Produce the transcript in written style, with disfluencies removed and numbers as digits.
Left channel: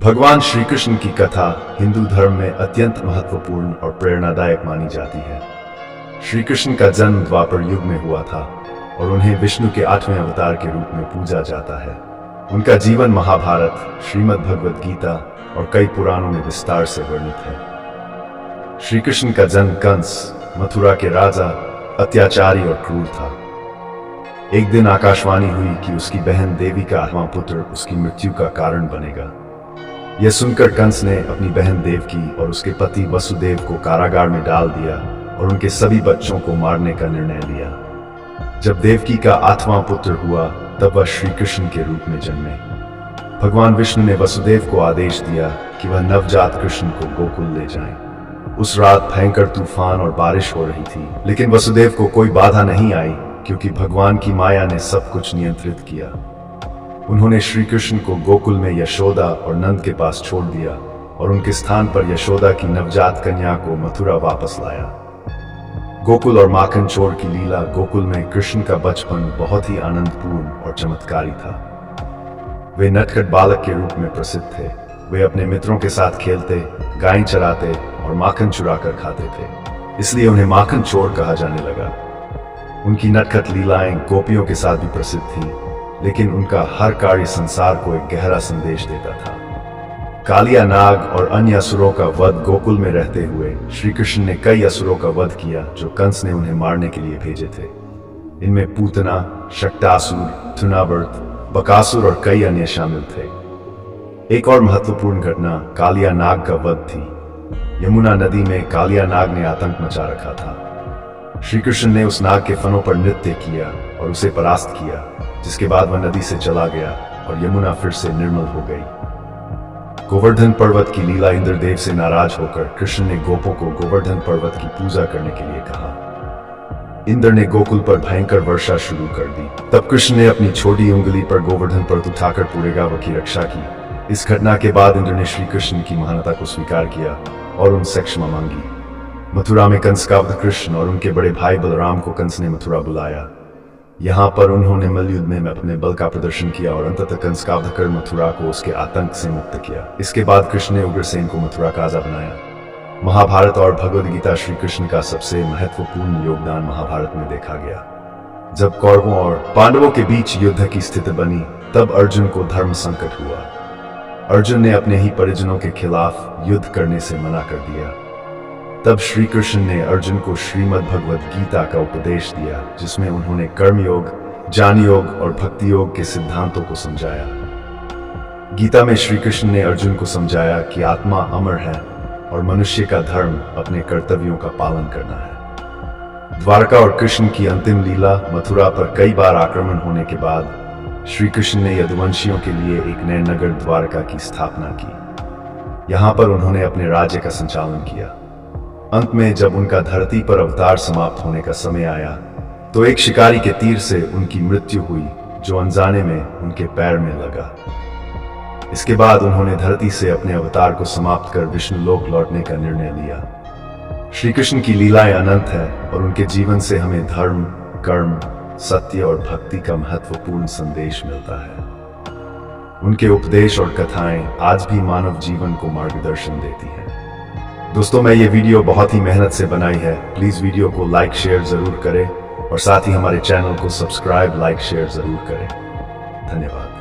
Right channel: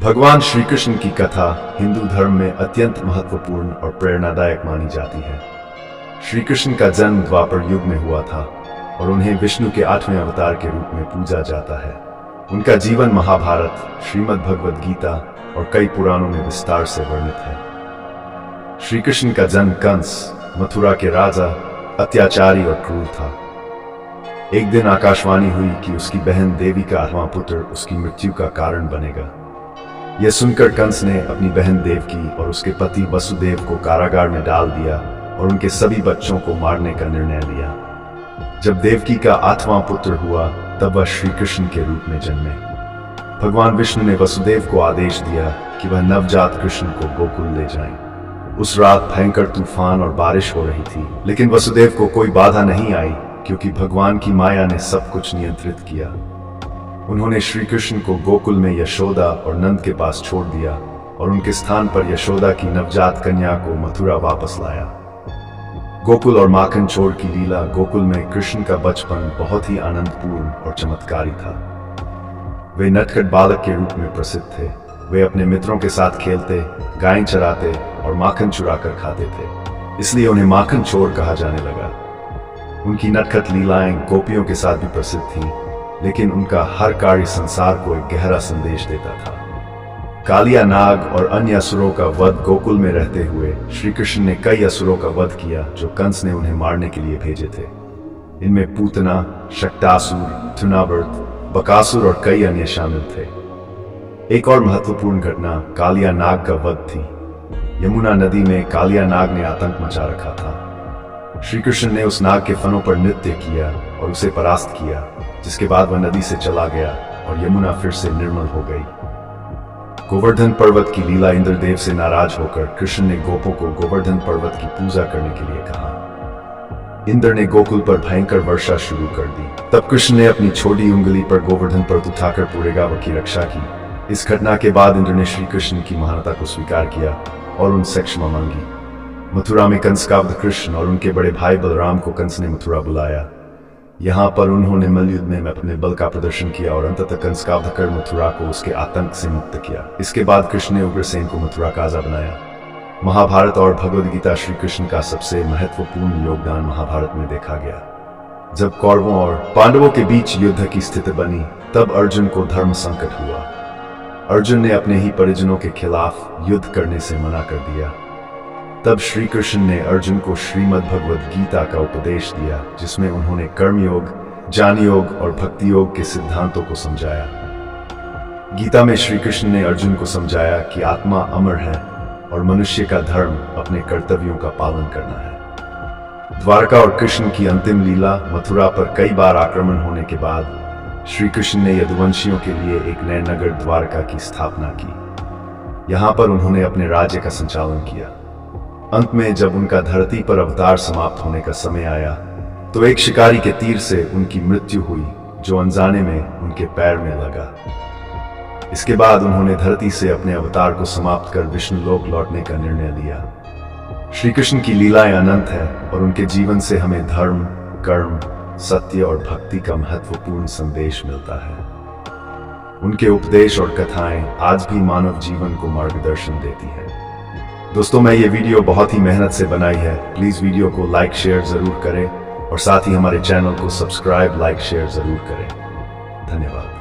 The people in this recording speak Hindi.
भगवान श्री कृष्ण की कथा हिंदू धर्म में अत्यंत महत्वपूर्ण और प्रेरणादायक मानी जाती है। श्री कृष्ण का जन्म द्वापर युग में हुआ था और उन्हें विष्णु के 8वें अवतार के रूप में पूजा जाता है। उनका जीवन महाभारत, श्रीमद् भगवद गीता और कई पुराणों में विस्तार से वर्णित है। श्री कृष्ण का जन्म कंस, मथुरा के राजा, अत्याचारी और क्रूर था। एक दिन आकाशवाणी हुई कि उसकी बहन देवी का 8वां पुत्र उसकी मृत्यु का कारण बनेगा। यह सुनकर कंस ने अपनी बहन देवकी और उसके पति वसुदेव को कारागार में डाल दिया और उनके सभी बच्चों को मारने का निर्णय लिया। जब देवकी का 8वां पुत्र हुआ तब वह श्री कृष्ण के रूप में जन्मे। भगवान विष्णु ने वसुदेव को आदेश दिया कि वह नवजात कृष्ण को गोकुल ले जाएं। उस रात भयंकर तूफान और बारिश हो रही थी, लेकिन वसुदेव को कोई बाधा नहीं आई क्योंकि भगवान की माया ने सब कुछ नियंत्रित किया। उन्होंने श्री कृष्ण को गोकुल में यशोदा और नंद के पास छोड़ दिया और उनके स्थान पर यशोदा की नवजात कन्या को मथुरा वापस लाया। गोकुल और माखन चोर की लीला। गोकुल में कृष्ण का बचपन बहुत ही आनंदपूर्ण और चमत्कारी था। वे नटखट बालक के रूप में प्रसिद्ध थे। वे अपने मित्रों के साथ खेलते, गायें चराते और माखन चुरा कर खाते थे, इसलिए उन्हें माखन चोर कहा जाने लगा। उनकी नटखट लीलाएं गोपियों के साथ भी प्रसिद्ध थीं, लेकिन उनका हर कार्य संसार को एक गहरा संदेश देता था। कालिया नाग और अन्य असुरों का वध। गोकुल में रहते हुए श्री कृष्ण ने कई असुरों का वध किया जो कंस ने उन्हें मारने के लिए भेजे थे। इनमें पूतना, शक्टासुर, थुनावर्त, बकासुर और कई अन्य शामिल थे। एक और महत्वपूर्ण घटना कालिया नाग का वध थी। यमुना नदी में कालिया नाग ने आतंक मचा रखा था। श्री कृष्ण ने उस नाग के फनों पर नृत्य किया और उसे परास्त किया, जिसके बाद वह नदी से चला गया और यमुना फिर से निर्मल हो गई। गोवर्धन पर्वत की लीला। इंद्रदेव से नाराज होकर कृष्ण ने गोपों को गोवर्धन पर्वत की पूजा करने के लिए कहा। इंद्र ने गोकुल पर भयंकर वर्षा शुरू कर दी। तब कृष्ण ने अपनी छोटी उंगली पर गोवर्धन पर्वत उठाकर पूरे गांव की रक्षा की। इस घटना के बाद इंद्र ने श्री कृष्ण की महानता को स्वीकार किया और उनसे क्षमा मांगी। मथुरा में कंस का वध। कृष्ण और उनके बड़े भाई बलराम को कंस ने मथुरा बुलाया। यहाँ पर उन्होंने मल्लयुद्ध में अपने बल का प्रदर्शन किया और अंततः कंस का वध कर मथुरा को उसके आतंक से मुक्त किया। इसके बाद कृष्ण ने उग्रसेन को मथुरा का राजा बनाया। महाभारत और भगवद गीता। श्री कृष्ण का सबसे महत्वपूर्ण योगदान महाभारत में देखा गया। जब कौरवों और पांडवों के बीच युद्ध की स्थिति बनी तब अर्जुन को धर्म संकट हुआ। अर्जुन ने अपने ही परिजनों के खिलाफ युद्ध करने से मना कर दिया। तब श्री कृष्ण ने अर्जुन को श्रीमद् भगवद गीता का उपदेश दिया, जिसमें उन्होंने कर्मयोग, ज्ञान योग और भक्ति योग के सिद्धांतों को समझाया। गीता में श्री कृष्ण ने अर्जुन को समझाया कि आत्मा अमर है और मनुष्य का धर्म अपने कर्तव्यों का पालन करना है। द्वारका और कृष्ण की अंतिम लीला। मथुरा पर कई बार आक्रमण होने के बाद श्री कृष्ण ने यदुवंशियों के लिए एक नए नगर द्वारका की स्थापना की। यहाँ पर उन्होंने अपने राज्य का संचालन किया। अंत में जब उनका धरती पर अवतार समाप्त होने का समय आया तो एक शिकारी के तीर से उनकी मृत्यु हुई, जो अनजाने में उनके पैर में लगा। इसके बाद उन्होंने धरती से अपने अवतार को समाप्त कर विष्णुलोक लौटने का निर्णय लिया। श्री कृष्ण की लीलाएं अनंत है और उनके जीवन से हमें धर्म, कर्म, सत्य और भक्ति का महत्वपूर्ण संदेश मिलता है। उनके उपदेश और कथाएं आज भी मानव जीवन को मार्गदर्शन देती है। दोस्तों, मैं ये वीडियो बहुत ही मेहनत से बनाई है। प्लीज़ वीडियो को लाइक शेयर ज़रूर करें और साथ ही हमारे चैनल को सब्सक्राइब, लाइक, शेयर ज़रूर करें। धन्यवाद।